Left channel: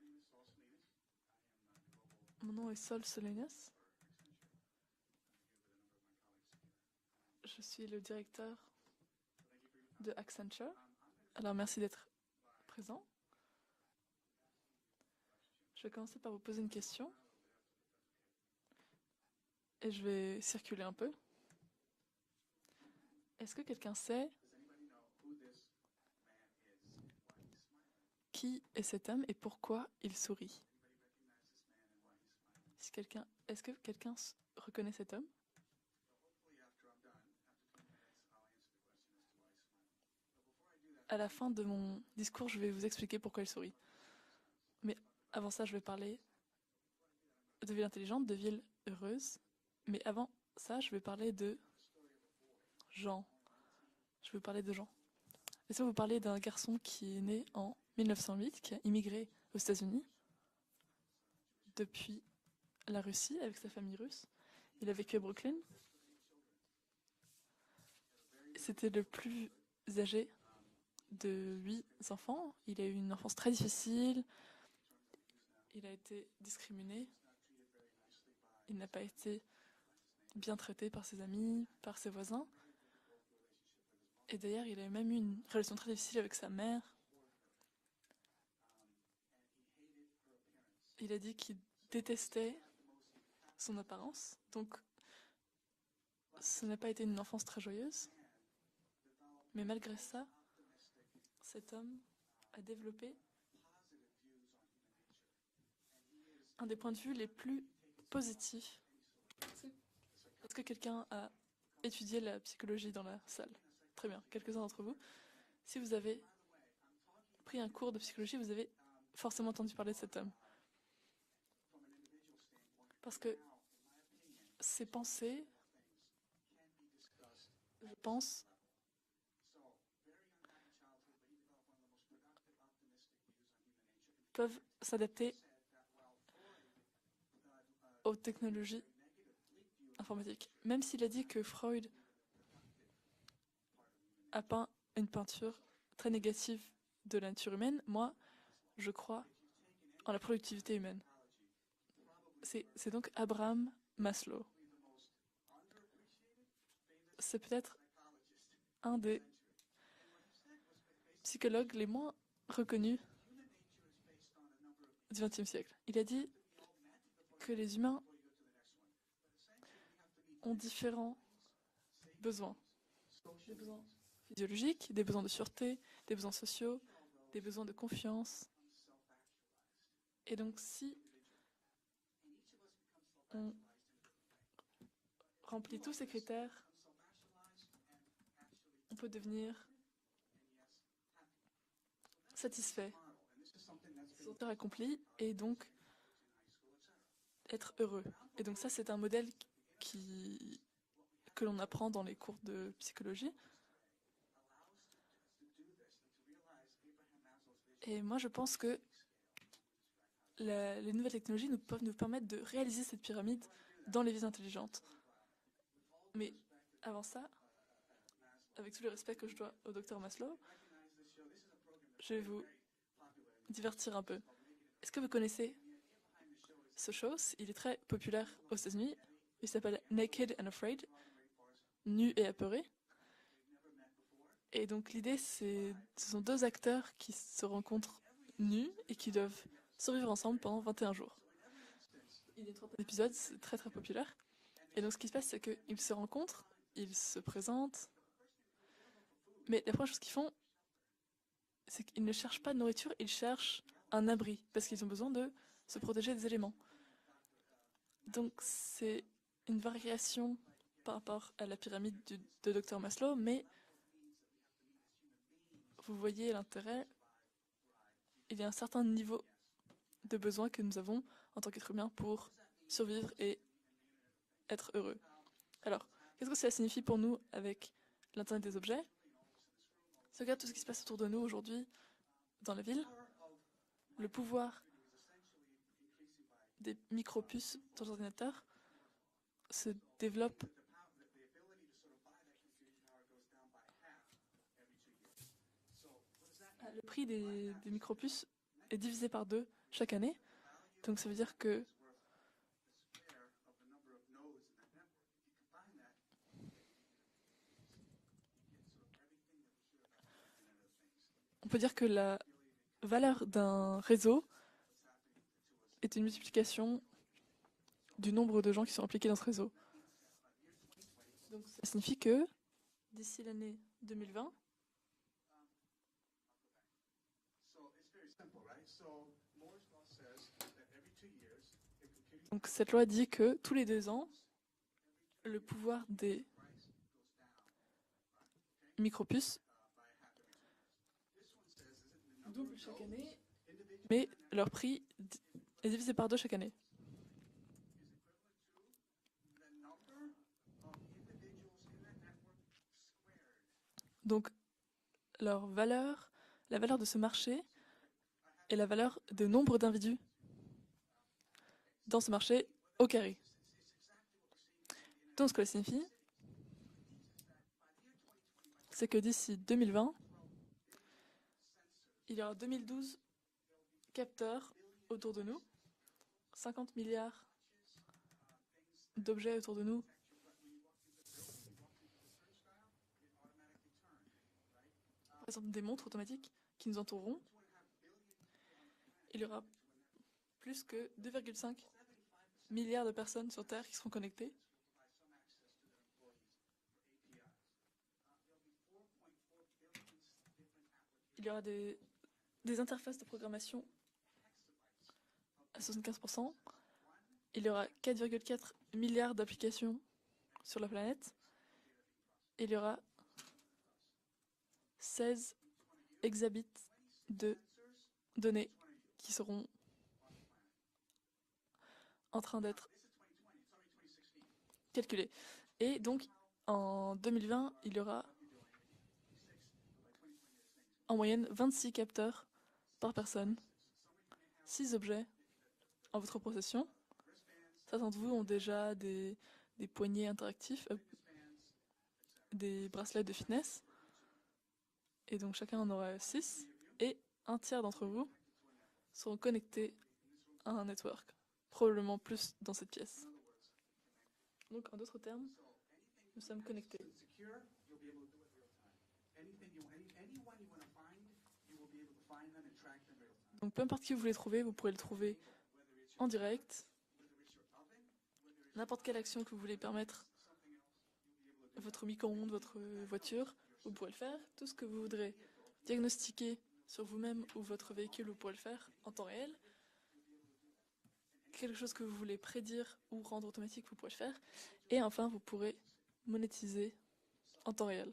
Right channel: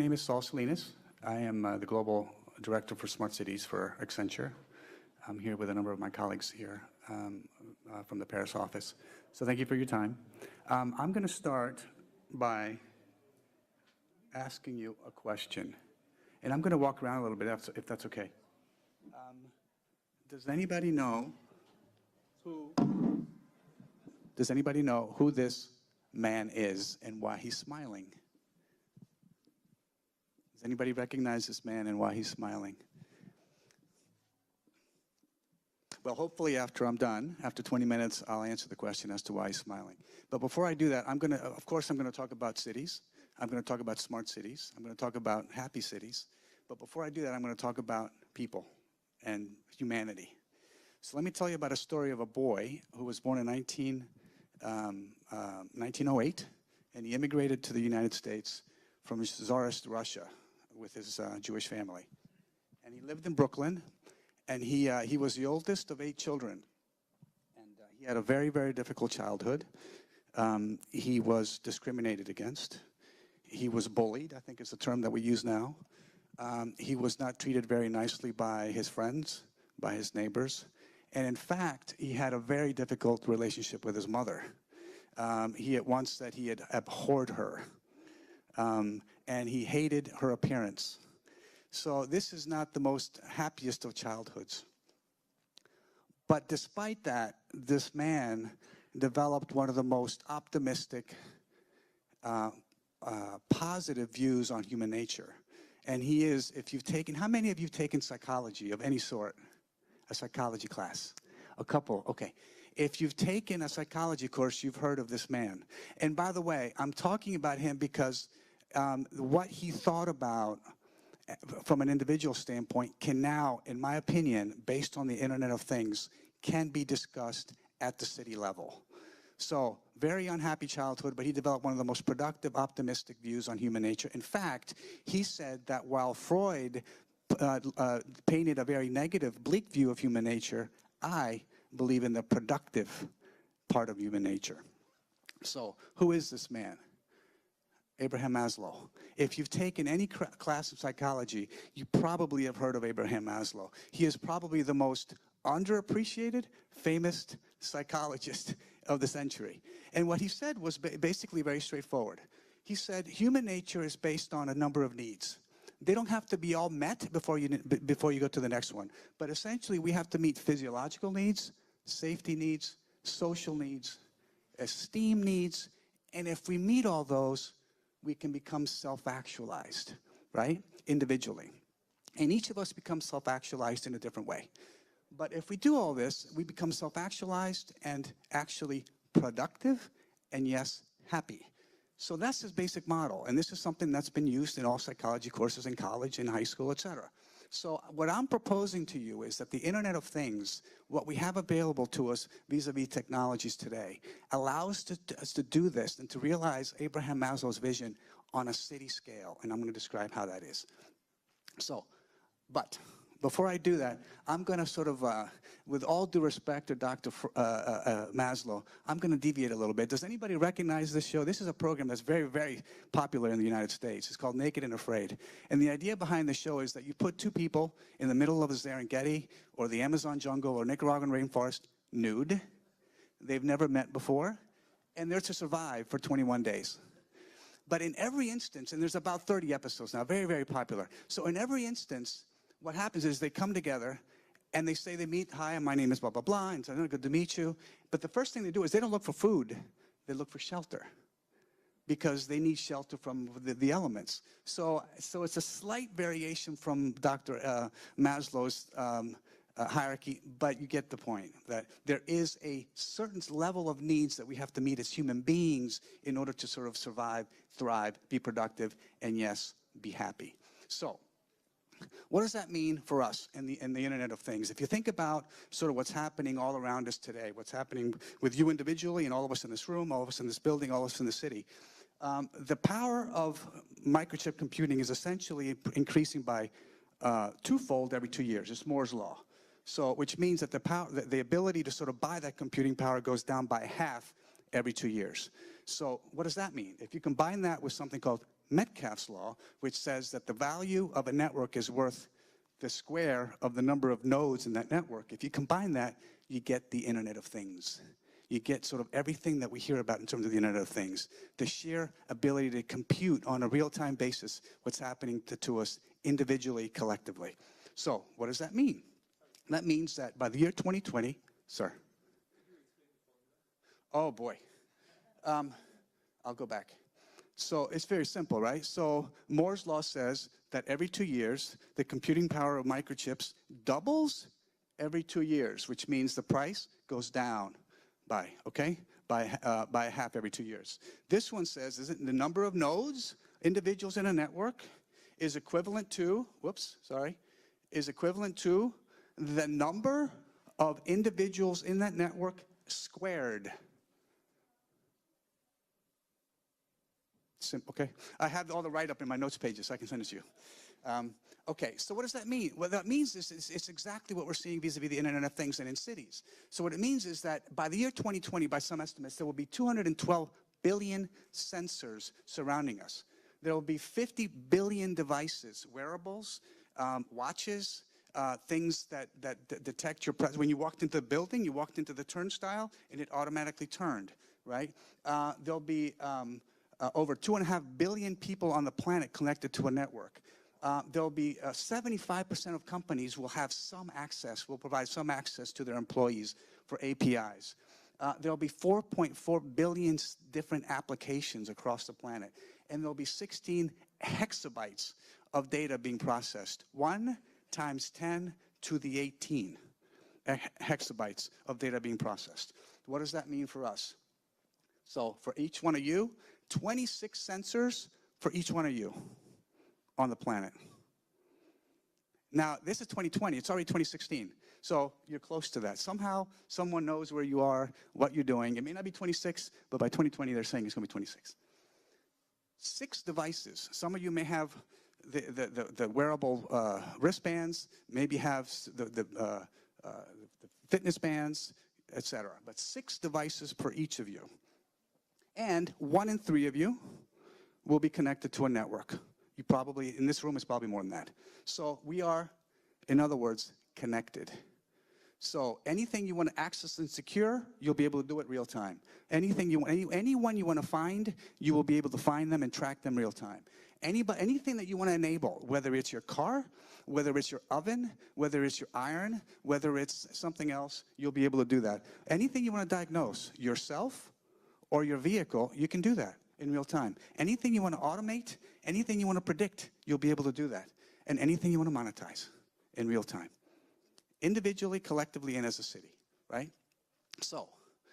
My name is Saul Salinas. I am the Global Director for Smart Cities for Accenture. I'm here with a number of my colleagues here from the Paris office. So thank you for your time. I'm going to start by asking you a question. And I'm going to walk around a little bit, if that's okay. Does anybody know who this man is and why he's smiling? Qui est cet homme et pourquoi il sourit? Does anybody recognize this man and why he's smiling? Est-ce que quelqu'un reconnaît cet homme? Well, hopefully after I'm done, after 20 minutes, I'll answer the question as to why he's smiling. But before I do that, I'm going to talk about cities. I'm going to talk about smart cities. I'm going to talk about happy cities. But before I do that, I'm going to talk about people and humanity. So let me tell you about a story of a boy who was born in 1908, and he immigrated to the United States from Tsarist Russia with his Jewish family. And he lived in Brooklyn, and he was the oldest of 8 children. And he had a very, very difficult childhood. He was discriminated against. He was bullied, I think is the term that we use now. He was not treated very nicely by his friends, by his neighbors, and in fact, he had a very difficult relationship with his mother. He at once said he had abhorred her, and he hated her appearance. So this is not the most happiest of childhoods. But despite that, this man developed one of the most optimistic, positive views on human nature. And he is, if you've taken, how many of you have taken psychology of any sort? A psychology class? A couple, okay. If you've taken a psychology course, you've heard of this man. And by the way, I'm talking about him because what he thought about from an individual standpoint can now, in my opinion, based on the Internet of Things, can be discussed at the city level. So, very unhappy childhood, but he developed one of the most productive, optimistic views on human nature. In fact, he said that while Freud painted a very negative, bleak view of human nature, I believe in the productive part of human nature. So, who is this man? Abraham Maslow. If you've taken any class of psychology, you probably have heard of Abraham Maslow. He is probably the most underappreciated, famous psychologist of the century. And what he said was basically very straightforward. He said human nature is based on a number of needs. They don't have to be all met before you go to the next one. But essentially, we have to meet physiological needs, safety needs, social needs, esteem needs. And if we meet all those, we can become self-actualized, right? Individually. And each of us becomes self-actualized in a different way. But if we do all this, we become self-actualized and actually productive and, yes, happy. So that's the basic model. And this is something that's been used in all psychology courses in college, in high school, etc. So what I'm proposing to you is that the Internet of Things, what we have available to us vis-a-vis technologies today, allows us to do this and to realize Abraham Maslow's vision on a city scale. And I'm going to describe how that is. So, before I do that, I'm going to sort of, with all due respect to Dr. Maslow, I'm going to deviate a little bit. Does anybody recognize this show? This is a program that's very, very popular in the United States. It's called Naked and Afraid. And the idea behind the show is that you put 2 people in the middle of the Serengeti or the Amazon jungle or Nicaraguan rainforest, nude. They've never met before, and they're to survive for 21 days. But in every instance, and there's about 30 episodes now, very, very popular. So in every instance, what happens is they come together, and they say they meet, hi, my name is blah, blah, blah, and so good to meet you. But the first thing they do is they don't look for food, they look for shelter. Because they need shelter from the elements. So it's a slight variation from Dr. Maslow's hierarchy, but you get the point, that there is a certain level of needs that we have to meet as human beings in order to sort of survive, thrive, be productive, and yes, be happy. So, what does that mean for us in the Internet of Things? If you think about sort of what's happening all around us today, what's happening with you individually and all of us in this room, all of us in this building, all of us in the city, the power of microchip computing is essentially increasing by twofold every 2 years. It's Moore's law. So, which means that the ability to sort of buy that computing power goes down by half every 2 years. So what does that mean? If you combine that with something called Metcalfe's divisé par law, 2 which chaque says année. that the value Donc of ça a veut dire network que is worth the square of the number of nodes in that network. If you combine that, you get the Internet of Things. You get sort of everything that we hear about in terms of the Internet of Things. The on peut dire sheer que la ability to valeur compute on a d'un real-time réseau basis what's happening to us est une individually, multiplication collectively. So, du what does nombre de that gens qui mean? sont impliqués dans ce réseau. That means that by the year 2020, Donc, ça sorry. signifie que d'ici l'année 2020, Oh boy. I'll go back. So it's very simple, right? So Moore's law says that every 2 years, the computing power of cette loi dit microchips que tous les 2 ans, doubles every 2 years, pouvoir which means des the price goes down by, okay? micropuces By half every 2 years. This one says, isn't the number of nodes, individuals in a mais leur network, prix is equivalent divisé par 2 to, chaque année. whoops, sorry, is equivalent to the number of individuals in that network squared. Donc leur valeur, la valeur de ce marché Okay, I have et all la the valeur write-up in my du notes nombre pages, so I can send d'individus it to you. Okay, so dans what ce does that marché mean? What that au carré. means is it's exactly what we're seeing vis-a-vis the Internet Donc, of ce que ça Things and in signifie, cities. So what it means is that by the year 2020, by some c'est que estimates, there will be d'ici 2020, 212 billion sensors il y aura surrounding 2012 us. There will be 50 capteurs billion autour de nous, devices, wearables, 50 milliards watches, things that d'objets autour de nous. detect your presence. When you walked into the building, you walked into the turnstile, and it automatically turned, right? Ce sont There'll des be montres automatiques qui nous over entoureront. 2.5 billion people on the planet Il y aura connected to a network. Plus que There'll be 2,5 75% of milliards de companies will personnes sur have Terre qui some sont connectées. access, will provide some access to their employees for APIs. There'll be 4.4 billion different applications des- across the planet. des And there'll interfaces be de programmation 16 hexabytes of data being 75%. processed. 1 Il y aura times 10 4,4 to the milliards 18 d'applications sur la planète. hexabytes of data being processed. Il y aura What does that mean for us? So 16 for each one of you, exabits 26 de sensors for données each one of you qui seront on the planet. en train Now, d'être this is 2020. It's already 2016. So calculé. you're close to Et that. donc, Somehow, someone en knows where you 2020, are, il y aura what you're doing. It may not be 26, but by 2020, they're saying it's going to en be moyenne 26. 26 capteurs, 6 personne. devices. Some of you may have 6 objets. the wearable possession. wristbands, Certains d'entre maybe vous ont have déjà des poignets interactifs fitness bands, etc. des But 6 bracelets de devices fitness. per each of you. Et donc chacun And en aura 1 in 6 3 of you et un tiers will d'entre be vous connected to a network. seront You connectés probably, in this room, it's à un probably more than network. that. So Probablement we are, plus dans cette pièce. in other words, connected. Donc en d'autres termes, So anything you want to sommes access connectés. and secure, you'll be able to do it real time. Anything anyone you want to find, you will be able to find them and track them real time. donc peu importe qui vous voulez trouver, Anything vous that you pouvez want to le trouver enable, whether it's your en car, direct. whether it's your oven, whether it's your N'importe quelle iron, action que vous voulez whether permettre. it's something else, you'll be able to do that. Votre micro-ondes, Anything you want to votre diagnose, voiture, vous pouvez le yourself faire. Tout ce que vous or your voudrez vehicle, you can do that diagnostiquer in real sur time. vous-même ou Anything you votre want to véhicule, vous automate, pourrez le faire en anything temps you want to réel. predict, you'll be able to do that. And anything Quelque you want chose to que vous voulez monetize prédire in real en temps time, automatique, vous pouvez le faire. individually, Et enfin, vous collectively, and pouvez as a city. monétiser So, en temps réel.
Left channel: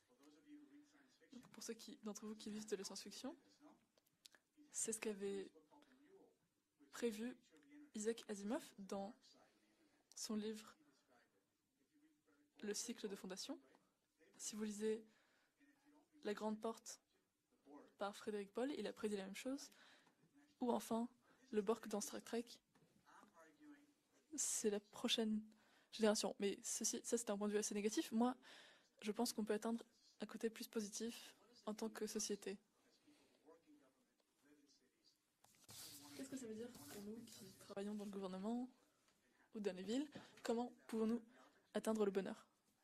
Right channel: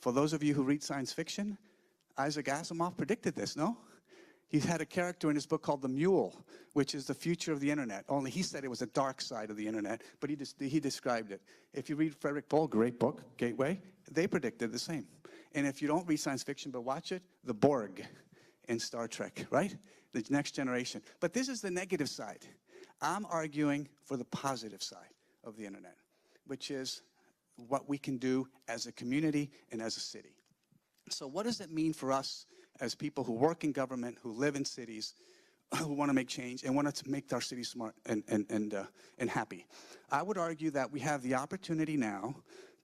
For those of you who read science fiction, Pour ceux qui, d'entre vous Isaac qui lisent de Asimov science-fiction, predicted this, no? He had a C'est ce character in qu'avait his book called the Mule, which is the prévu future of the internet. Isaac Only he Asimov said it was a dans dark side of the internet, but son livre he described it. If you read Frederick Paul, Le great cycle de book, fondation, Gateway, they predicted the lisez same. And if you don't read science Grande fiction but Porte watch it, the Borg par Frédéric Paul, in il a Star prédit la même Trek, chose. right? The next Ou generation. enfin, But this is le the Borg dans negative Star side. Trek. I'm arguing for the C'est la positive side prochaine of the internet, génération. Mais which is ça, c'est un point de vue assez what we négatif. can Moi, do as a je pense qu'on community peut and atteindre as a city. un côté plus positif So what does that en mean tant for que us société. as people who work in government, who live in cities, who want to make change and want to make our cities smart and happy? Dans les villes, I would argue comment that we have the opportunity atteindre le now bonheur?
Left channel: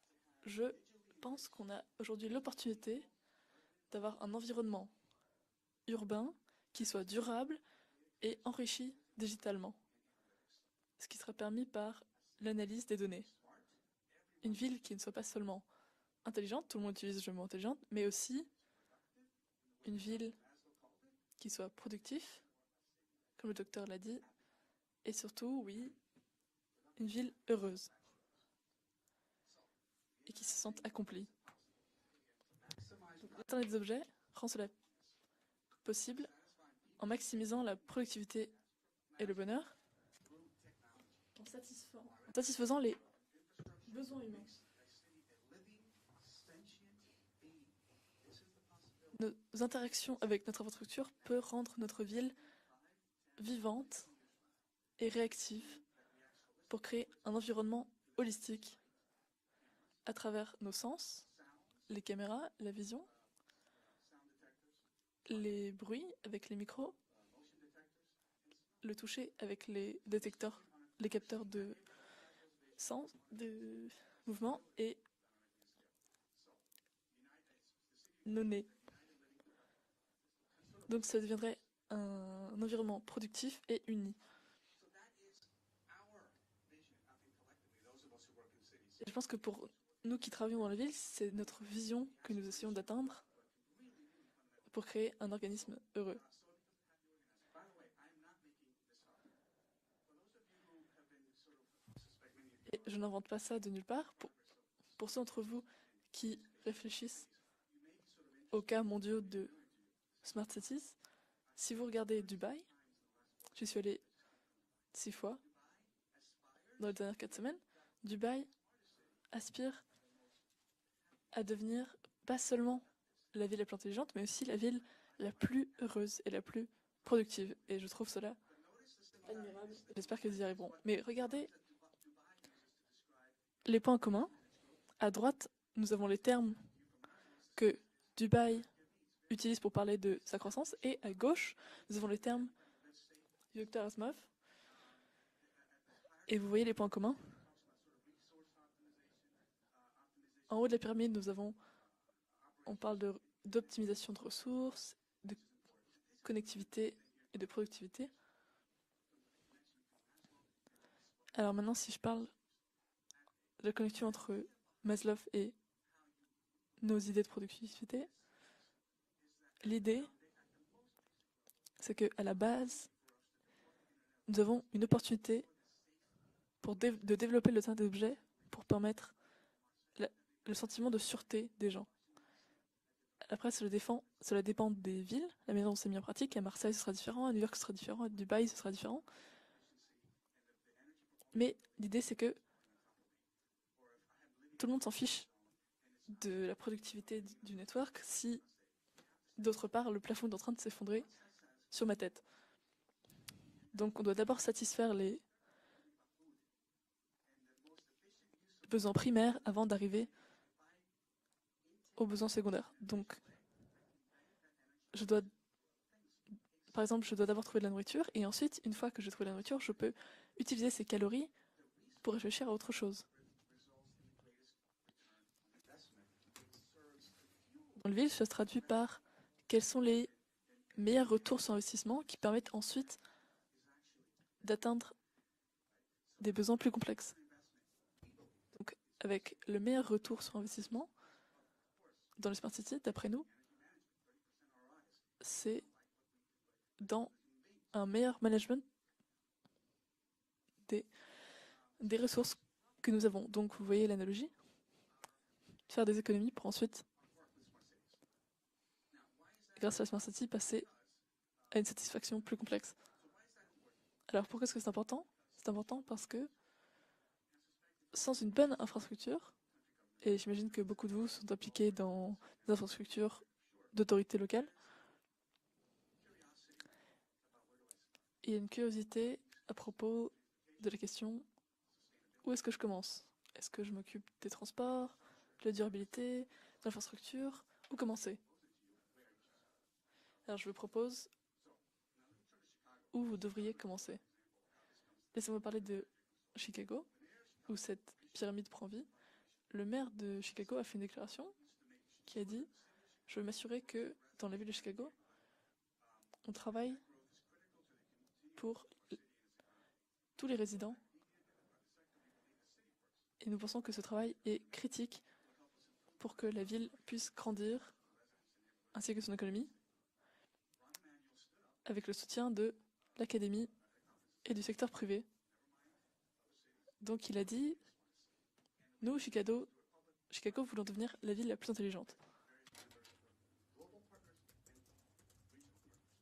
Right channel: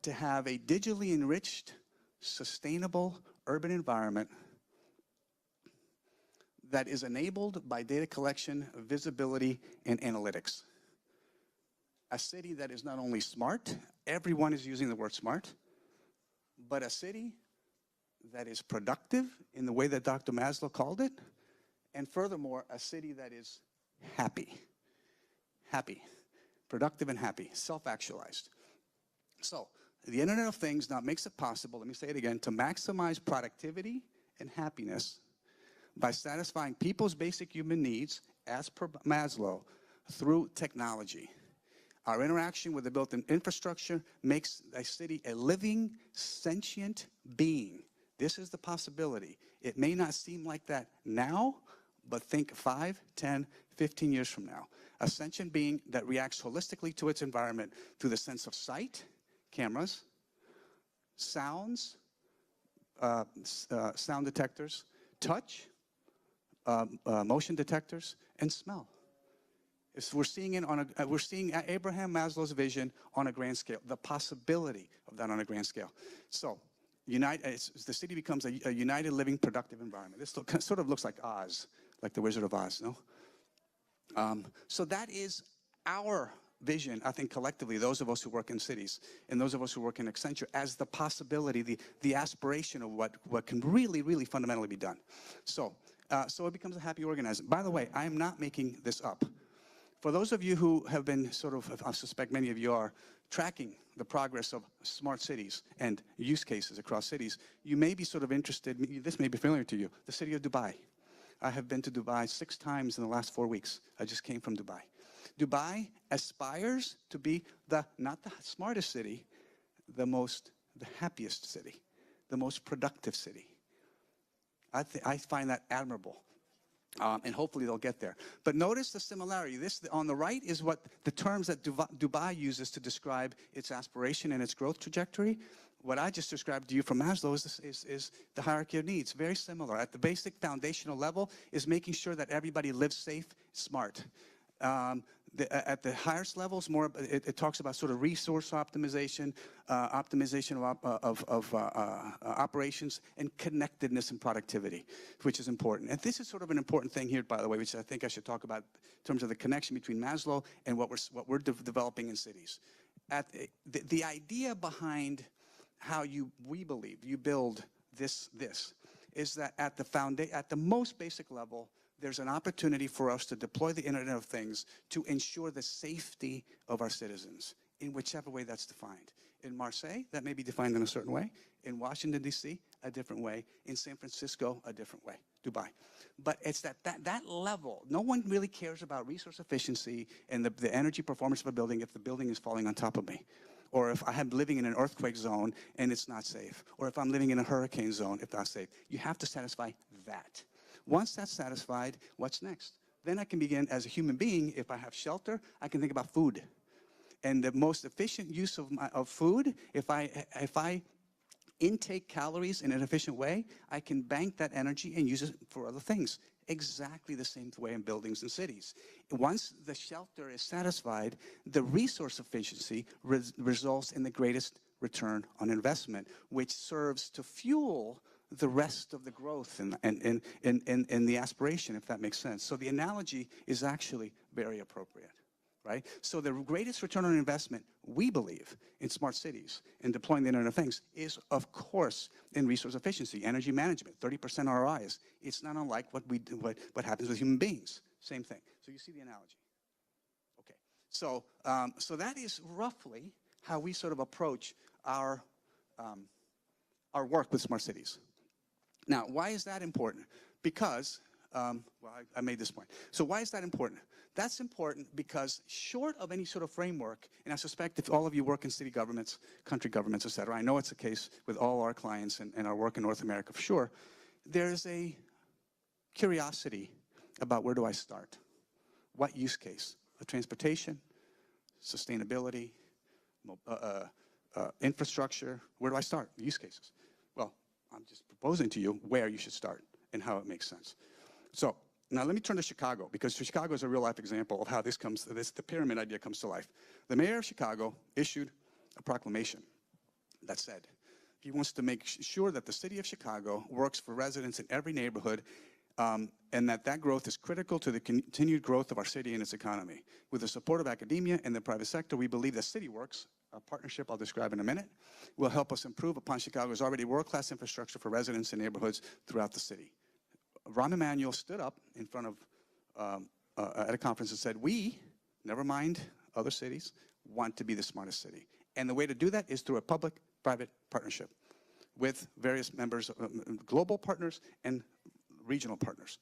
to have a Je digitally pense enriched, qu'on a aujourd'hui l'opportunité sustainable urban d'avoir environment un environnement urbain that qui is soit enabled durable by data collection, enrichi visibility, digitalement. and analytics. Ce qui sera permis par A city that is l'analyse des not only données. smart, everyone Une is ville using qui the ne word soit pas smart, seulement intelligente, tout but le a monde utilise city le mot intelligente, mais aussi that is productive in the way that Une Dr. ville Maslow called it, qui soit and productif, furthermore, a city that comme le is docteur l'a dit, happy. et surtout, oui, Happy, productive and Ville happy, heureuse. self-actualized. So, the Internet of Se sentir Things now accompli. makes it possible, let me say it again, to maximize Internet des productivity objets and rend cela happiness by possible satisfying people's basic maximisant la human needs productivité as per et le Maslow bonheur through technology. Our interaction with the built-in infrastructure makes a city a living, sentient being. This is the possibility. Nos It may not interactions avec seem notre like that infrastructure peuvent now, rendre notre but ville think 5, 10, vivante 15 years from now. A et sentient réactive being that reacts holistically créer to its un environment environnement through the sense of holistique sight, cameras, à travers nos sens, sounds, les caméras, la vision, sound detectors, touch, les bruits avec les micros, motion detectors, and smell. le toucher avec les So we're seeing it on a, we're seeing détecteurs de Abraham Maslow's vision sens, on a grand de scale, the mouvement possibility et of that on a grand scale. So, the city becomes donner. a united, living, productive environment. This sort of looks Donc like ça deviendrait Oz, like the Wizard of Oz, no? environnement productif et uni. So that is our vision, I think, collectively, those of us who work in cities Et je pense que and those pour of us who work in nous qui Accenture, travaillons as en the ville, c'est possibility, notre vision the que nous aspiration essayons of d'atteindre what can really, really fundamentally be pour done. créer un organisme So, heureux. so it becomes a happy organism. By the way, I am not making this up. For those of you who have been sort of, I suspect many of you are, Je n'invente pas ça de tracking nulle part. the progress of smart d'entre cities vous and qui use cases across réfléchissent cities, you may be sort of interested, cas this mondiaux may be de familiar to you, the city of smart Dubai. cities. I have Si been vous to regardez Dubai 6 Dubaï, times in the last 4 je weeks. suis allée I just came from Dubai. 6 fois. Dubai aspires Dans les dernières to 4 be semaines, not the Dubaï smartest city, aspire the happiest à city, devenir the pas most seulement productive city. la ville la plus intelligente, mais aussi la ville I la find that plus admirable. heureuse et la plus And productive. hopefully they'll Et je get trouve there. cela But notice the similarity. This on the J'espère right qu'ils y is arriveront. what Mais the terms regardez, that Dubai uses to describe its les points aspiration communs. and its growth À trajectory. droite, nous What avons I les just termes described to you from Maslow is the Dubaï hierarchy of needs. Very utilise pour similar. At parler the de basic sa croissance, foundational et level gauche, is making nous avons sure les that termes everybody lives safe, de smart. Dartmouth. At the highest Et vous levels, voyez les more points communs? it talks about sort of resource optimization, optimization En haut de la pyramide, of nous operations, de- and connectedness d'optimisation and de productivity, ressources, which is important. And this is sort of an important thing here, by the way, which I think I productivité. should talk about in terms of the connection between Maslow and what we're Alors maintenant, si je developing in parle cities. At de the connexion entre idea behind Maslow et how we believe nos you idées de build productivité, this is that at l'idée, at the most basic level, c'est que there's à an la base, opportunity for us to deploy the Internet of nous avons Things une to opportunité ensure the safety pour of our de citizens développer le temps in d'objets whichever way pour that's defined. permettre In Marseille, la- that may be le defined in a sentiment de certain way. sûreté des In gens. Washington, D.C., a different way. Après, cela In San cela Francisco, dépend a des different way. villes. La Dubai. maison c'est mieux pratique, But à it's Marseille ce sera that différent, à New York ce sera level. No différent, à one Dubaï really ce sera cares différent. about resource efficiency and the energy performance of Mais a building if l'idée, the c'est building que is falling on top of me. Or if I'm living in tout an le monde s'en earthquake fiche zone and it's not de la safe. Or if I'm productivité living in a du hurricane territoire, zone, si it's not safe. You have to d'autre satisfy part le plafond est en that. train de s'effondrer Once that's sur satisfied, ma tête. what's next? Then I can begin, as a Donc on human doit d'abord being, if I satisfaire have les shelter, I can think about food. And the most efficient use of besoins of primaires food, avant d'arriver if I intake aux besoins calories in an secondaires. efficient Donc, way, I can bank that energy je and dois- use it for other things. Par exemple, Exactly je the dois d'abord same trouver de la way in nourriture buildings et and ensuite, cities. une fois que j'ai trouvé la Once nourriture, je the peux shelter is utiliser ces satisfied, calories the resource pour réfléchir à autre efficiency chose. results in the greatest return on investment, which serves to fuel En ville, ça se the traduit rest par of the growth quels sont and les the meilleurs retours sur aspiration, if that investissement makes qui sense. permettent So the ensuite analogy is actually very d'atteindre appropriate. Right? So the des besoins plus greatest return complexes. on investment, we believe, Donc, in smart avec cities, le meilleur in retour deploying the sur Internet of Things, investissement is of course dans les in smart resource cities, d'après efficiency, nous, energy management, 30% ROIs. It's not c'est unlike what happens dans with human beings. un meilleur Same thing. management So you see the analogy. Okay. des, So des that ressources is que roughly nous avons. Donc, how vous we voyez sort of l'analogie, approach our faire des économies pour ensuite, work with smart cities. Now, why is that grâce à important? Smart City, passer Because à une well, satisfaction I plus made this one. complexe. So why is that important? Alors, That's pourquoi est-ce que c'est important important? because C'est important short parce of any que sort of framework, and I suspect if all of sans you une work in bonne city governments, infrastructure, country governments, et etc., I j'imagine know que it's the beaucoup de case vous sont with all our impliqués dans clients and our work in North l'infrastructure America for sure, d'autorité locale, there's a curiosity about where do I start? il y a une curiosité What use à case? propos The de transportation, la question où est-ce sustainability, que je commence? Est-ce que je m'occupe des transports, infrastructure, de la where do I start? durabilité, Use cases. l'infrastructure, Well, où commencer? Proposing to you where you should start and how it Alors, makes je vous sense. propose, So now let me turn to Chicago because vous Chicago is a real life devriez example of how this Laissez-moi the parler pyramid de idea comes to life. Chicago, The mayor of où Chicago cette issued pyramide prend vie. a proclamation. Le maire de That's Chicago it. a fait une déclaration. He wants to make sure dit, that the city of Chicago m'assurer works que for dans la residents in ville de every Chicago, neighborhood on and that travaille growth is critical to the continued pour growth of our city and its economy. With the tous les support of résidents. academia and the private sector, we believe that CityWorks, Et nous a pensons que ce partnership I'll travail describe in a est minute, critique will help us improve pour upon que la Chicago's ville already puisse world-class grandir, infrastructure for residents and neighborhoods ainsi que son throughout the économie, city. Rahm Emanuel stood up in avec le front of soutien de l'académie at a conference and et said, du we, secteur privé. never mind other cities, Donc il a want to be dit, the smartest city. And the way to nous, do that is Chicago, through a Chicago public-private voulons devenir partnership la ville la plus intelligente, with various members, global partners and regional partners.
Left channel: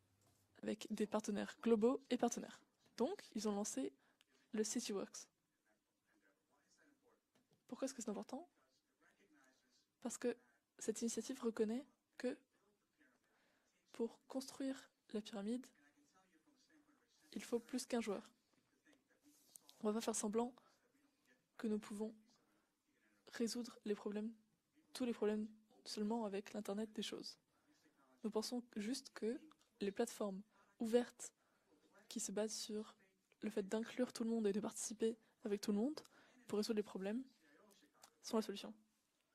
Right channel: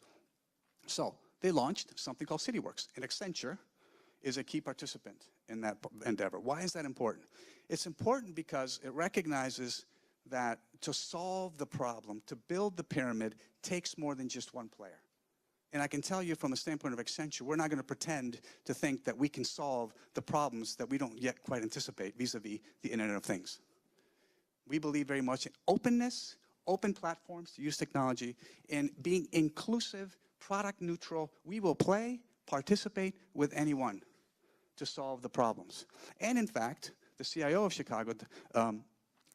avec des So partenaires they launched globaux et something called partenaires. CityWorks. And Donc, ils ont Accenture lancé is a key le participant CityWorks. in that endeavor. Why is that important? It's Pourquoi est-ce que c'est important important? because it recognizes Parce que that to cette initiative solve the reconnaît problem, que to build the pyramid, takes pour more than just one construire player. la pyramide, And I can tell you from the standpoint of Accenture, Il we're faut not going to plus qu'un joueur. pretend to think that we can on solve va pas faire the semblant problems that we don't yet quite que nous anticipate pouvons vis-à-vis the Internet of Things. résoudre les problèmes We believe tous les very much in problèmes openness, seulement avec l'Internet open des choses. platforms to use technology, Nous pensons and juste being que les inclusive, plateformes product ouvertes neutral. We will play, qui se basent sur participate le with fait anyone d'inclure tout le monde et de to participer solve the avec tout le problems. monde And in pour résoudre les fact, problèmes. the CIO of Chicago, Sans atelier.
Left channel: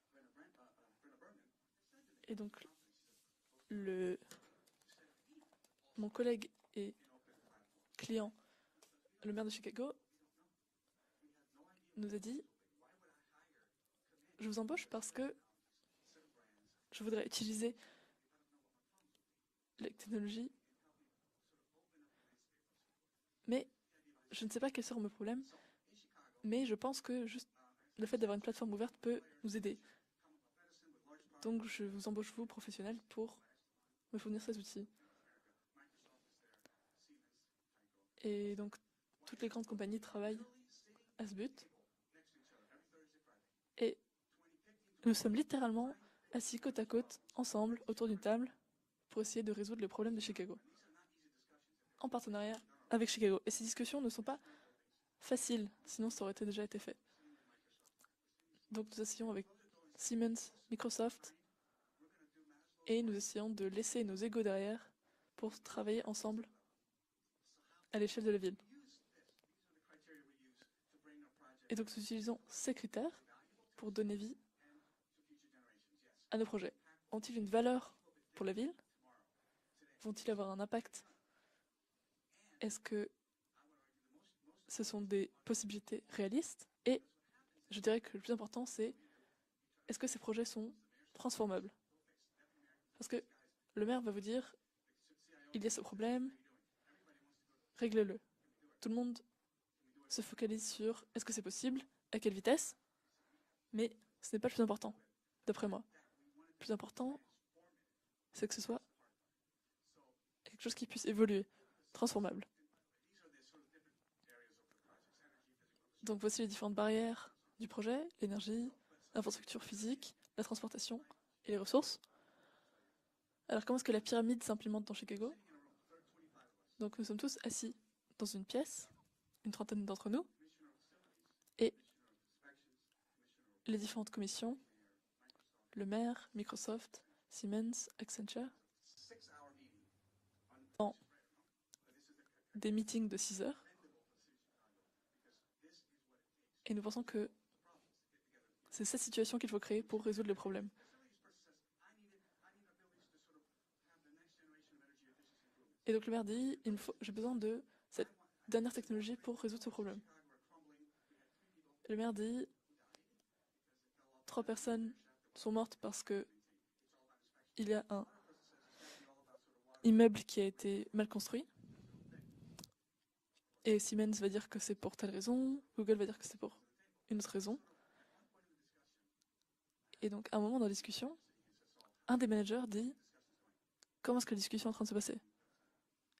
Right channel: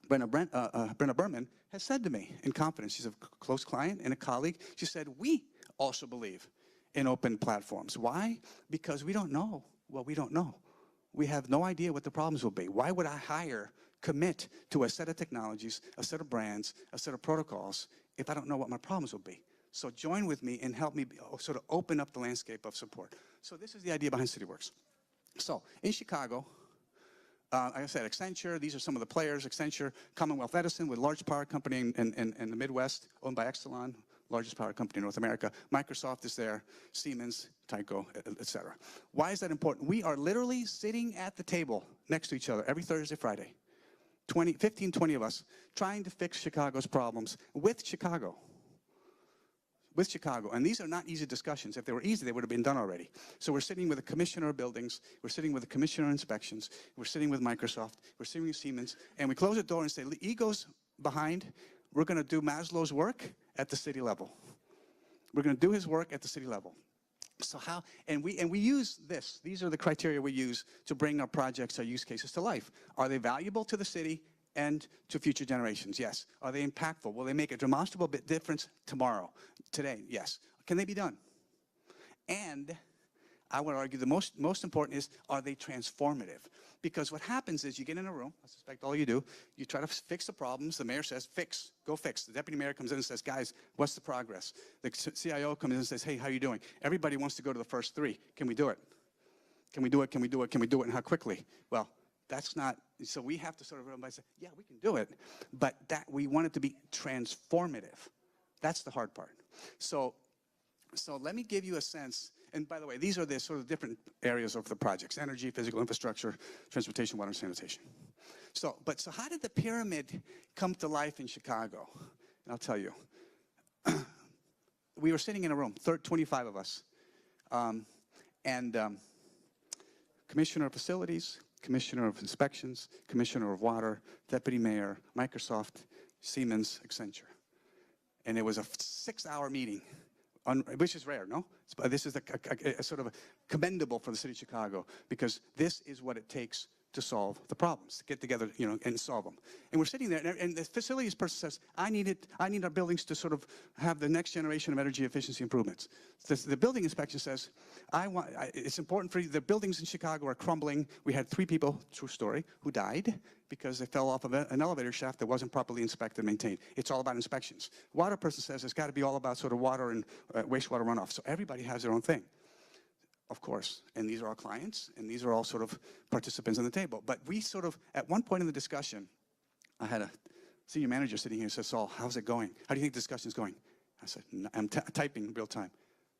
Brenna Berman, has said to me Et donc, in confidence, she's a close client and a colleague, she said, we also mon believe collègue et in open platforms. Why? Because we don't le maire know de Chicago what we don't know. We have no idea what the nous a problems dit, will be. Why would I commit je vous to embauche a set parce of que technologies, a set of brands, a je set of voudrais protocols, if I don't know what my problems will be? So la join with technologie, me and help me sort of open up the landscape of support. So mais this is the idea behind je ne sais pas CityWorks. quels seront mes problèmes, So in Chicago, mais je pense que juste like I said, le fait d'avoir une Accenture, plateforme these are some of the ouverte players. peut vous aider. Accenture, Commonwealth Edison, with large power Donc, company je vous embauche in comme the Midwest, professionnel pour owned by Exelon, me fournir largest power celui-ci. company in North America. Microsoft is there, Siemens, Tyco, Et etc. donc, Why is that toutes les important? grandes We are compagnies literally sitting dans at ce the but. table next to each other every Thursday, Friday. Et 15, 20 nous of sommes us littéralement trying to fix assis Chicago's côte à côte, problems ensemble, with autour d'une Chicago. table, pour essayer de résoudre les With problèmes de Chicago. Chicago. And these are not easy discussions. If they were En easy, they would have been partenariat done already. avec Chicago. So Et we're ces sitting with the discussions ne sont pas commissioner of buildings, we're sitting with the faciles, commissioner of sinon ça aurait été déjà inspections, été fait. we're sitting with Microsoft, we're sitting with Siemens, nous asseyons and we avec close the door and say, Siemens, egos Microsoft, behind, we're going to do Maslow's et work nous essayons de at the laisser city nos level. égos derrière We're going to pour do his travailler work at the ensemble city level. So how, à l'échelle and de la we ville. use this. These are the criteria we use to bring our projects, Et our donc, use nous cases utilisons to life. ces critères Are they valuable to the pour donner city vie and to future generations? Yes. à nos Are they projets. impactful? Will they Ont-ils make a une valeur demonstrable pour la difference ville? tomorrow, today? Vont-ils Yes. avoir un Can they be impact? done? And Est-ce que I would argue the most ce important sont is, des are they possibilités transformative? réalistes? Et Because what happens is je you get dirais in a que le room, plus important, like c'est all you do, you try to est-ce que ces fix the projets sont problems, the mayor says, fix, transformables? go fix. The deputy mayor comes in and says, guys, Le what's maire the va vous dire, progress? The CIO il comes y in a and ce says, hey, how are you doing? Everybody wants to go to the first réglez-le. three. Can we do it? Tout le monde Can we do it? Can se we do it? Can we do it? And how focalise sur est-ce que quickly? c'est possible, Well, à quelle that's vitesse, not, so we have to sort of mais everybody say, ce n'est pas le plus do important, it. d'après But moi. that we want it to Le be plus important, transformative. c'est que ce That's soit the hard part. So quelque chose qui puisse So let me évoluer, give you a sense. transformable. And by the way, these are the sort of different areas of the projects: energy, physical Donc infrastructure, voici les différentes transportation, barrières water, and des sanitation. projets, l'énergie, So how did the l'infrastructure pyramid physique, la come to transportation life in et les Chicago? ressources. I'll tell you. Alors comment est-ce que la pyramide s'implémente dans We were Chicago? sitting in a room, 25 of us, Donc nous sommes tous assis um, dans une and pièce, une trentaine d'entre nous, commissioner of facilities, Et commissioner of inspections, commissioner of les water, différentes commissions, deputy mayor, Microsoft, le maire, Siemens, Microsoft, Accenture. Siemens, And it Accenture, was a 6-hour meeting, which is rare, no? This is des a sort of meetings de 6 heures. commendable for the city of Chicago, because this is what it takes Et nous to pensons que solve the problems, to get together, c'est and cette solve them. situation qu'il faut créer And we're pour sitting there, résoudre le and the problème. facilities person says, I need our buildings to sort of have the next generation of energy efficiency improvements. Et donc le maire The, dit, the building j'ai inspection besoin says, de it's cette important for you, technologie the pour buildings in résoudre ce Chicago are crumbling. We had 3 people, Le true maire story, dit, who died because they fell off of trois an elevator personnes shaft that wasn't sont mortes properly parce inspected que and maintained. It's all about inspections. il y a un Water person says it's got to be all about sort of water and immeuble qui a été wastewater mal runoff. So construit. everybody has their own thing, of course. Et And Siemens these are va our dire que c'est clients, pour and telle these are all raison, sort of Google va dire que c'est pour participants on the table. But notre we raison. sort of, at one point in the discussion, I had Et a donc à un moment dans la senior discussion, manager sitting here and says, Saul, how's un it des going? managers How do you dit, think the discussion's going? I comment said, est-ce que la I'm discussion est en train de se passer? typing in real time.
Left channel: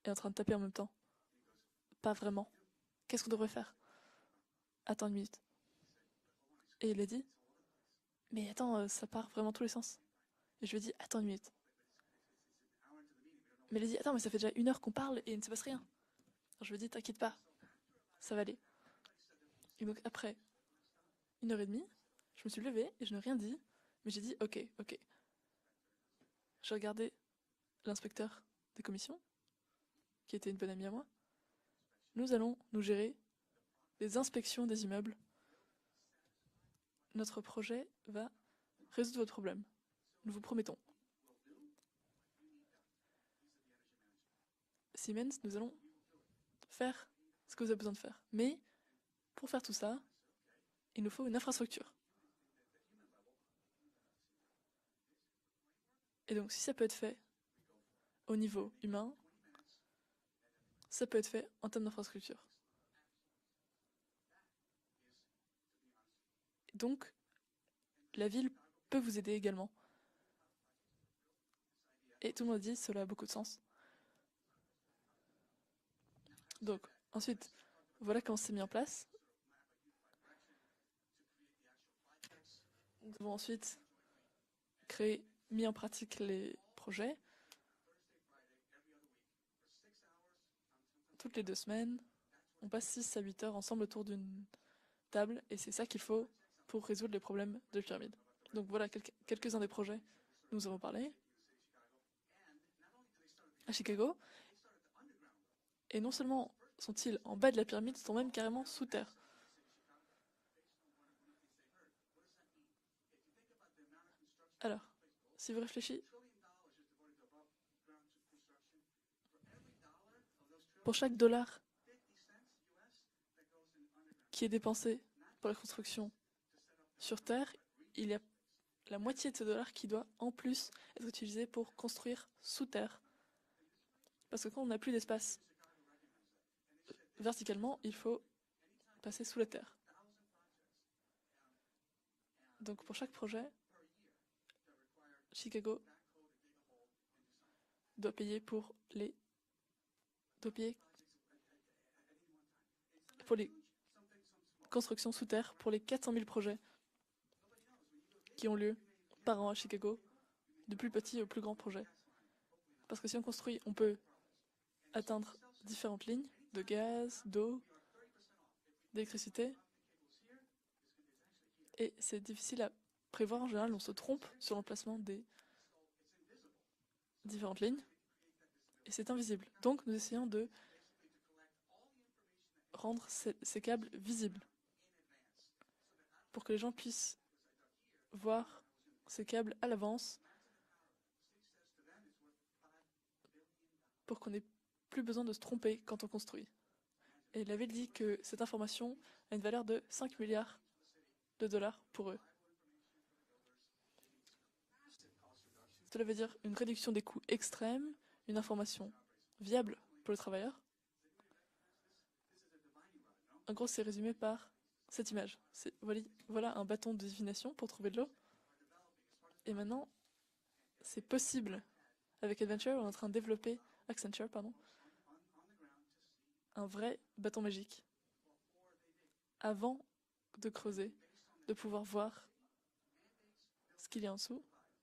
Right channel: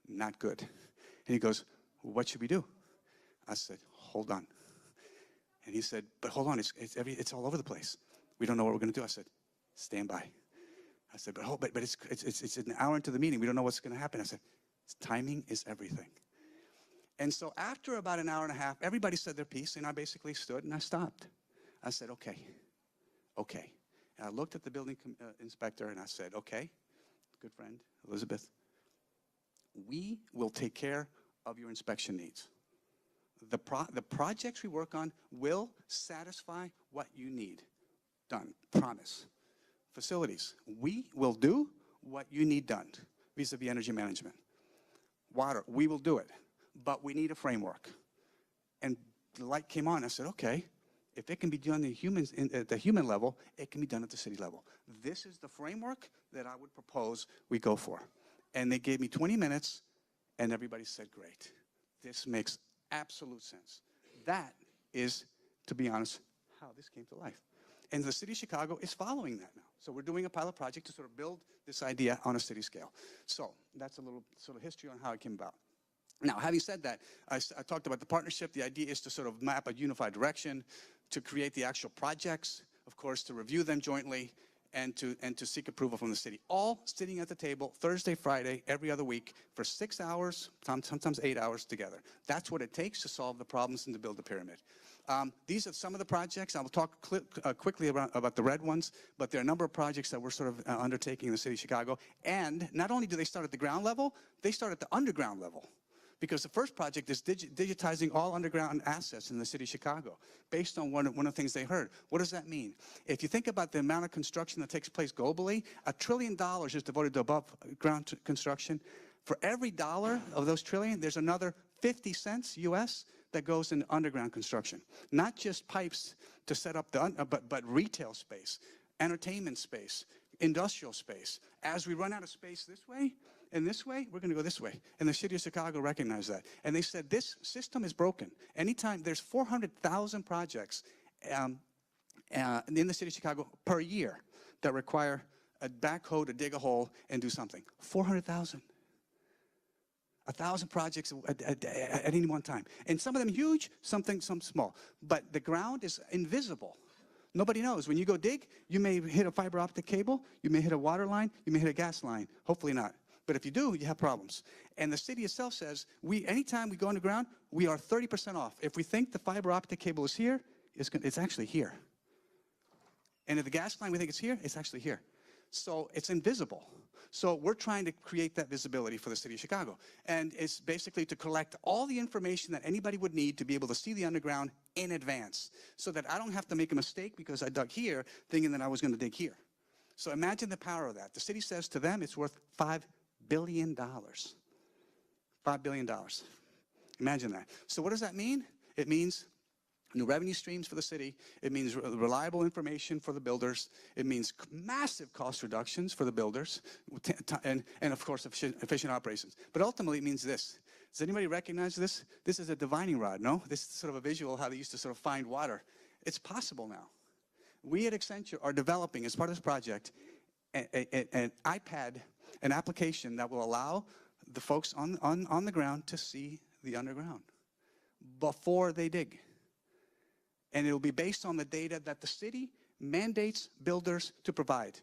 est en train de Not taper en good. même temps. And he goes, Pas what should we vraiment. do? Qu'est-ce qu'on devrait I faire? said, hold on. Attends une minute. And he said, but hold on, Et il a dit, it's all over the place. mais We don't know what we're attends, going to do. I ça said, part vraiment tous les sens. stand by. Et je lui ai dit, I attends une said, minute. but it's an hour into the meeting. We don't know what's Il m'a going dit, to attends, happen. mais I ça fait said, déjà 1 heure qu'on parle et il timing ne se passe is rien. everything. Je lui ai dit, t'inquiète pas, And so after about an Ça hour va and a aller. half, everybody said their piece, and I Donc basically après stood and I stopped. 1h30, I said, okay, je me suis levée et je n'ai rien dit. okay. Mais j'ai And I dit, looked ok, at the building ok. inspector and I said, okay, J'ai regardé good friend, l'inspecteur Elizabeth, des commissions. we Qui will était une take bonne amie à care of your inspection Nous needs. allons nous gérer. The les projects inspections we des work on immeubles. will satisfy what you Notre need. projet va Done. Promise. résoudre votre problème. Facilities. promettons. We will do what you need done vis-à-vis energy management. Siemens, nous Water, allons we will do it. faire But we need a ce que vous avez framework. besoin de faire. Mais And the pour faire light tout came ça, on. I said, okay, il nous faut if une it can be done infrastructure. at the human level, it can be done at the city level. This is the framework Et that donc, I si ça would peut être fait propose we go for. au niveau And they gave me humain, 20 minutes, and everybody ça said, peut être great. fait en termes This d'infrastructure. makes absolute sense. That is, to be honest, how this Donc, came to life. And the city of ville Chicago is peut vous aider following that. également. So we're doing a pilot project to sort of build this idea Et on a tout le monde city dit, scale. cela a beaucoup de So sens. that's a little sort of history on how it came about. Now, having said that, Ensuite, I talked about the voilà qu'on partnership. s'est The mis en idea place. is to sort of map a unified direction, to create the actual projects, of course, to Nous review ensuite them jointly, and to seek mis en approval from the pratique city. les All projets. sitting at the table Thursday, Friday, every other week for 6 hours, sometimes 8 les deux hours semaines. together. That's what On it passe takes to 6 à solve 8 the heures problems ensemble and to autour build the d'une pyramid. These are some of the projects. I will talk quickly about the red ones, but there are a number of projects that we're sort of undertaking in the city of Chicago. And not only do they start at the ground level, they start at the underground level. Because the first project is digitizing all underground assets in the city of Chicago, based on one of the things they heard. What does that mean? If you think about the amount of construction that takes place globally, $1 trillion is devoted to above ground construction. For every dollar of those trillion, there's another 50 cents US that goes in underground construction. Not just pipes to set up but retail space, entertainment space, industrial space. As we run out of space this way, and this way, we're going to go this way. And the city of Chicago recognized that. And they said, this system is broken. Anytime, there's 400,000 projects in the city of Chicago per year that require a backhoe to dig a hole and do something. 400,000. 1,000 projects at any one time. And some of them huge, some small. But the ground is invisible. Nobody knows. When you go dig, you may hit a fiber optic cable, you may hit a water line, you may hit a gas line. Hopefully not. But if you do, you have problems. And the city itself says, anytime we go underground, we are 30% off. If we think the fiber optic cable is here, it's actually here. And if the gas line we think is here, it's actually here. So it's invisible. So we're trying to create that visibility for the city of Chicago. And it's basically to collect all the information that anybody would need to be able to see the underground in advance, so that I don't have to make a mistake because I dug here thinking that I was going to dig here. So imagine the power of that. The city says to them it's worth $5 billion. $5 billion. Imagine that. So what does that mean? It means new revenue streams for the city. It means reliable information for the builders. It means massive cost reductions for the builders. And of course, efficient operations. But ultimately, it means this. Does anybody recognize this? This is a divining rod, no? This is sort of a visual how they used to sort of find water. It's possible now. We at Accenture are developing, as part of this project, an iPad, an application that will allow the folks on the ground to see the underground before they dig. And it will be based on the data that the city mandates builders to provide.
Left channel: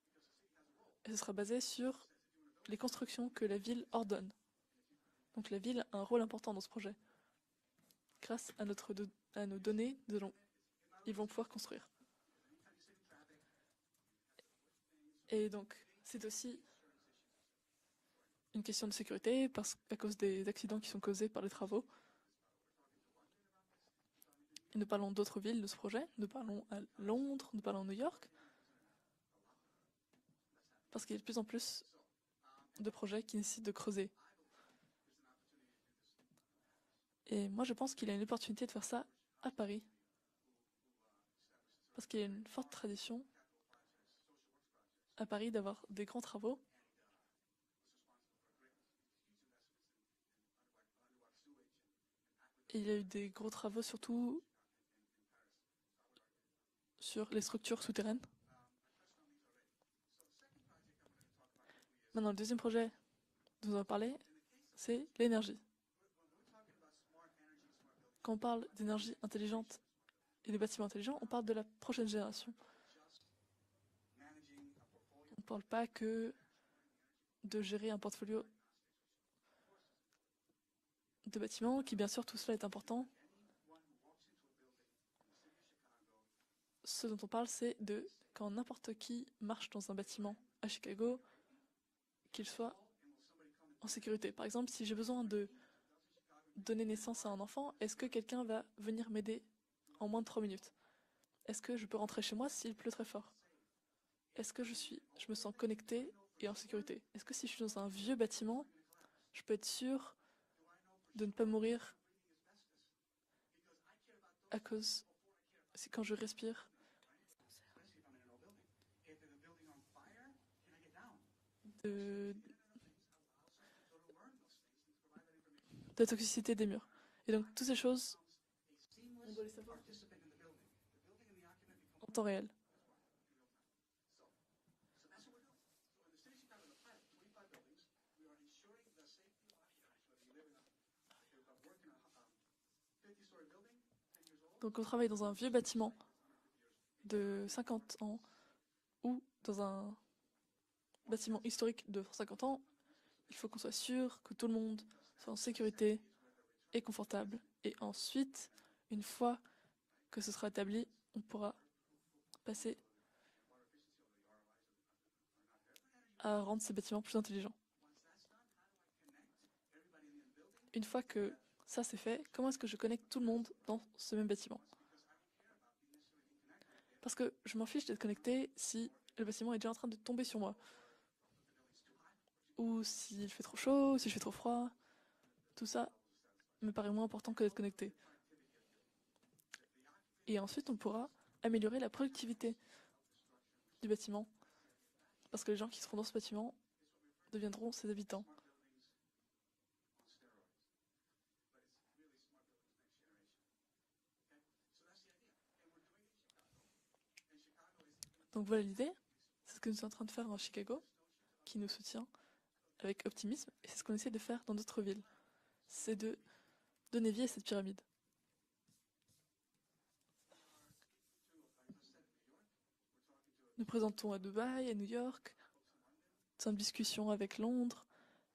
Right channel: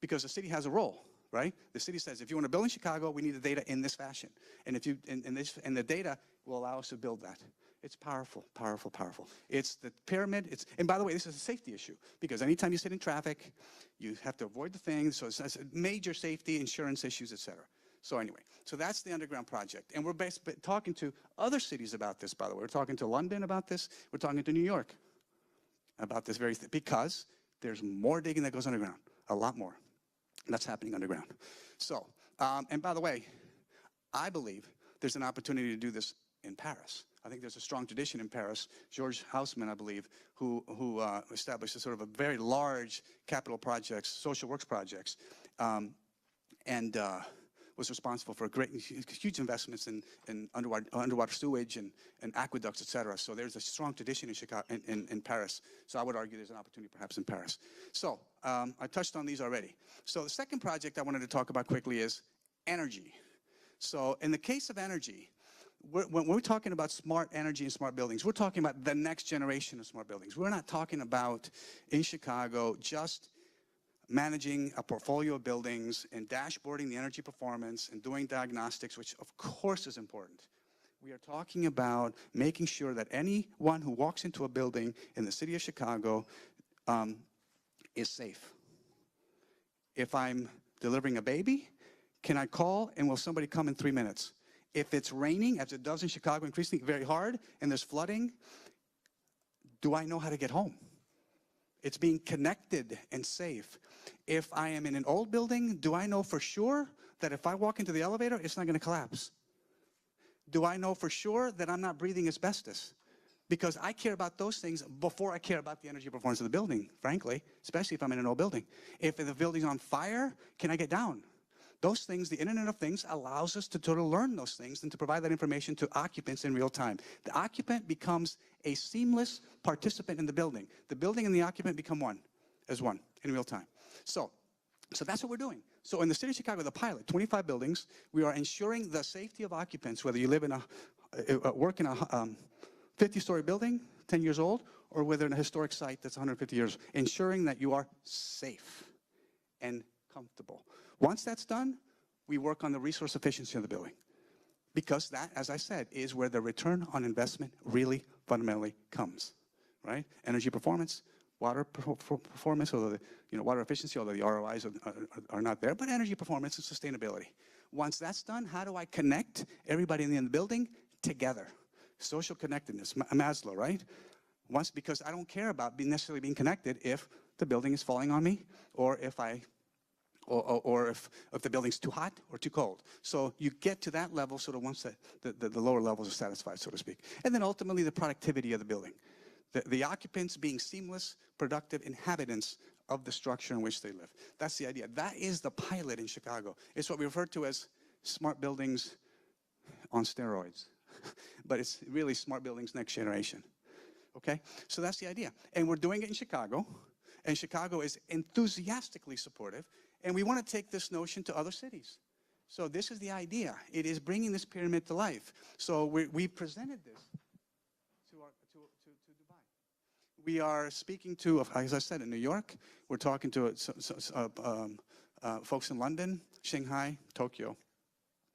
Because the city has a role, right? The city says, if you want to build in Chicago, we need the data in this fashion. And if you and the data will allow us to build that. It's powerful, powerful, powerful. It's the pyramid. And by the way, this is a safety issue, because anytime you sit in traffic, you have to avoid the things. So it's major safety, insurance issues, etc. So anyway, so that's the underground project. And we're basically talking to other cities about this, by the way. We're talking to London about this. We're talking to New York about this very thing, because there's more digging that goes underground, a lot more. That's happening underground. So, and by the way, I believe there's an opportunity to do this in Paris. I think there's a strong tradition in Paris. George Haussmann, I believe, who established a sort of a very large capital projects, social works projects, and was responsible for huge investments in underwater sewage and aqueducts, etc. So there's a strong tradition in Chicago, in Paris. So I would argue there's an opportunity perhaps in Paris. So I touched on these already. So the second project I wanted to talk about quickly is energy. So in the case of energy, when we're talking about smart energy and smart buildings, we're talking about the next generation of smart buildings. We're not talking about, in Chicago, just managing a portfolio of buildings and dashboarding the energy performance and doing diagnostics, which of course is important. We are talking about making sure that anyone who walks into a building in the city of Chicago is safe. If I'm delivering a baby, can I call and will somebody come in 3 minutes? If it's raining, as it does in Chicago increasingly very hard, and there's flooding, do I know how to get home? It's being connected and safe. If I am in an old building, do I know for sure that if I walk into the elevator, it's not going to collapse? Do I know for sure that I'm not breathing asbestos? Because I care about those things before I care about the energy performance of the building, frankly, especially if I'm in an old building. If the building's on fire, can I get down? Those things, the Internet of Things allows us to sort of learn those things and to provide that information to occupants in real time. The occupant becomes a seamless participant in the building. The building and the occupant become one, as one, in real time. So that's what we're doing. So in the city of Chicago, the pilot, 25 buildings, we are ensuring the safety of occupants, whether you live in work in a 50-story building, 10 years old, or whether in a historic site that's 150 years, ensuring that you are safe and comfortable. Once that's done, we work on the resource efficiency of the building. Because that, as I said, is where the return on investment really fundamentally comes. right? que ce Energy sera établi, performance, on pourra water performance, although water efficiency, although the ROIs are not there, but energy performance rendre and ce bâtiment plus sustainability. intelligent. Once that's done, how do I connect everybody in the building Une fois que together? ça c'est fait, Social comment est-ce que je connectedness, connecte tout le monde Maslow, right? dans ce même bâtiment? Once, because I don't care about necessarily being connected if Parce que the je m'en building is fiche d'être falling on me, connecté si or le if I bâtiment est déjà en train de tomber sur moi. or if the building's too hot or too cold. Ou si So il fait you trop get to chaud, that s'il fait trop level sort of froid. once the lower ça, levels are satisfied, so me to paraît speak. moins important And then que de ultimately the connecter. productivity of the building. The occupants Et being ensuite, on pourra seamless, améliorer productive la inhabitants productivité of the structure in which du they live. bâtiment. That's the idea. That is Parce que the les gens qui pilot sont in dans ce Chicago. bâtiment It's what we refer to as deviendront ses habitants. smart buildings on steroids. But it's really smart buildings next generation. Okay? So that's the idea. And we're doing it in Chicago. And Chicago is enthusiastically supportive. Ce que nous sommes en train de And we faire want à to take Chicago, this notion to other qui nous cities. soutient, So this is avec the optimisme, idea. c'est ce It qu'on is essaie de bringing faire this dans pyramid notre to ville. life. So C'est we presented this donner vie à cette pyramide. to Dubai. We are speaking to, as I said, in New York. We're talking to Nous présentons à Dubaï, à New York, folks in London, nous sommes en Shanghai, discussion avec Tokyo. Londres,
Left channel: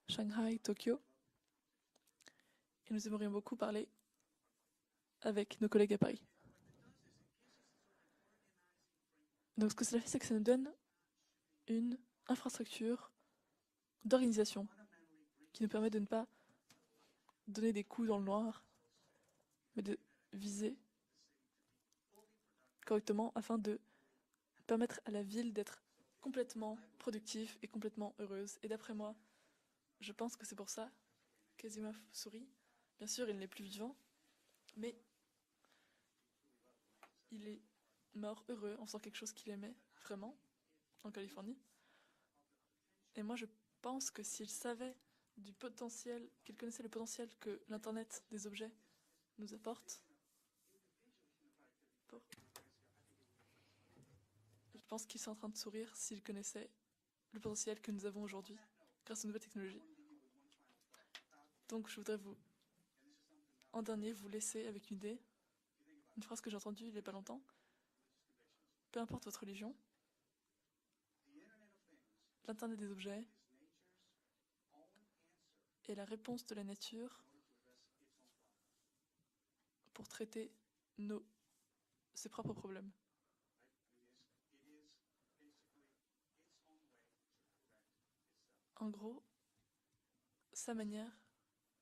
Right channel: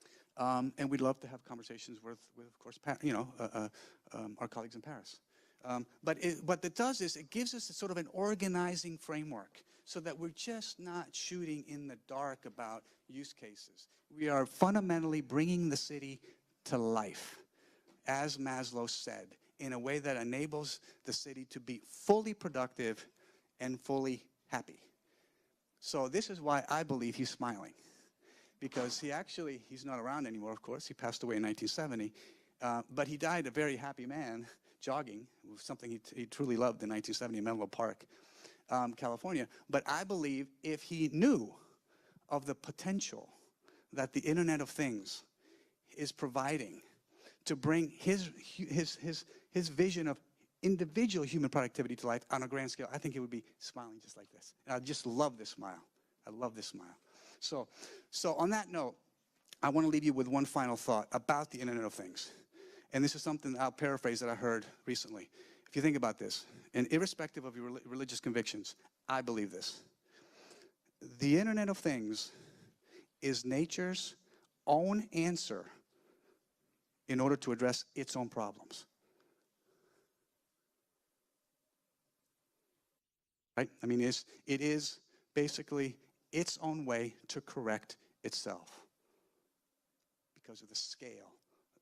Shanghai, And Tokyo. we'd love to have conversations with of course, Nous aimerions beaucoup parler our colleagues in Paris. avec nos collègues à Paris. What it does is it gives us a sort of an organizing framework, Donc ce que so ça fait, that c'est que we're ça nous donne just not shooting in the dark about infrastructure use cases. We are d'organisation fundamentally qui bringing nous the permet de ne city pas to life, donner des coups as d'endroit Maslow said, in a et de way that enables viser the city to be fully productive correctement afin de and fully happy. permettre à la ville d'être So this is why I believe he's productive et smiling, complètement heureuse. Et d'ailleurs, because he's not je around pense que anymore, c'est of pour course. ça He passed away in que 1970. sourit. But Bien he sûr, il died n'est a plus very vivant, happy man, mais jogging, something he truly loved in 1970 in Menlo Park, mort heureux, en faisant quelque chose California. qu'il aimait But I autrement. believe if he en knew Californie. of the potential Et moi, je pense that que the s'il Internet of savait Things du is potentiel, providing le potentiel que to bring l'Internet his des objets nous apporte, vision of individual human productivity to life on a grand scale, I think he would be smiling just like this. And I je pense just qu'il love serait en this train de smile. sourire s'il I love this connaissait smile. le So, potentiel que nous avons so on aujourd'hui that note, grâce aux nouvelles I technologies. want to leave you with one final thought about the Internet Donc, of je voudrais Things. vous And this is something I'll entamer, paraphrase that I vous heard laisser avec une idée. recently. If you think about Je pense this, que j'ai entendu and il y a pas irrespective longtemps, of your religious convictions, peu I importe votre believe religion, this. The Internet of Things l'Internet des objets is nature's own answer est la réponse de la nature in order to address its own problems. pour traiter ses propres problèmes. Right? I mean, it is basically its own way to correct itself En gros, because sa of the manière scale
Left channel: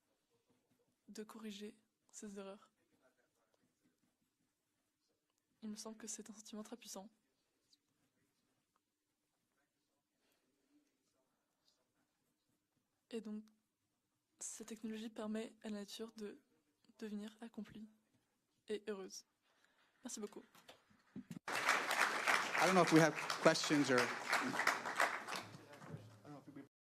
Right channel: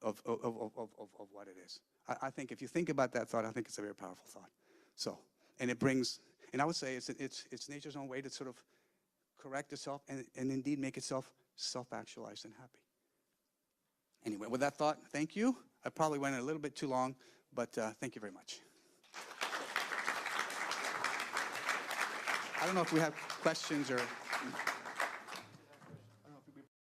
of what it corriger is. I ses think if erreurs. you think about that thought, I think it's a very powerful thought. So, and it Donc, brings, c'est un and I sentiment would très say puissant. it's nature's own way to sort of correct itself and indeed make itself self-actualized and happy. Et donc, Anyway, cette with that thought, technologie thank permet you. à la I nature probably de went a little bit too long, devenir but accomplie thank you very much. et heureuse. Merci beaucoup. I don't know if we have questions or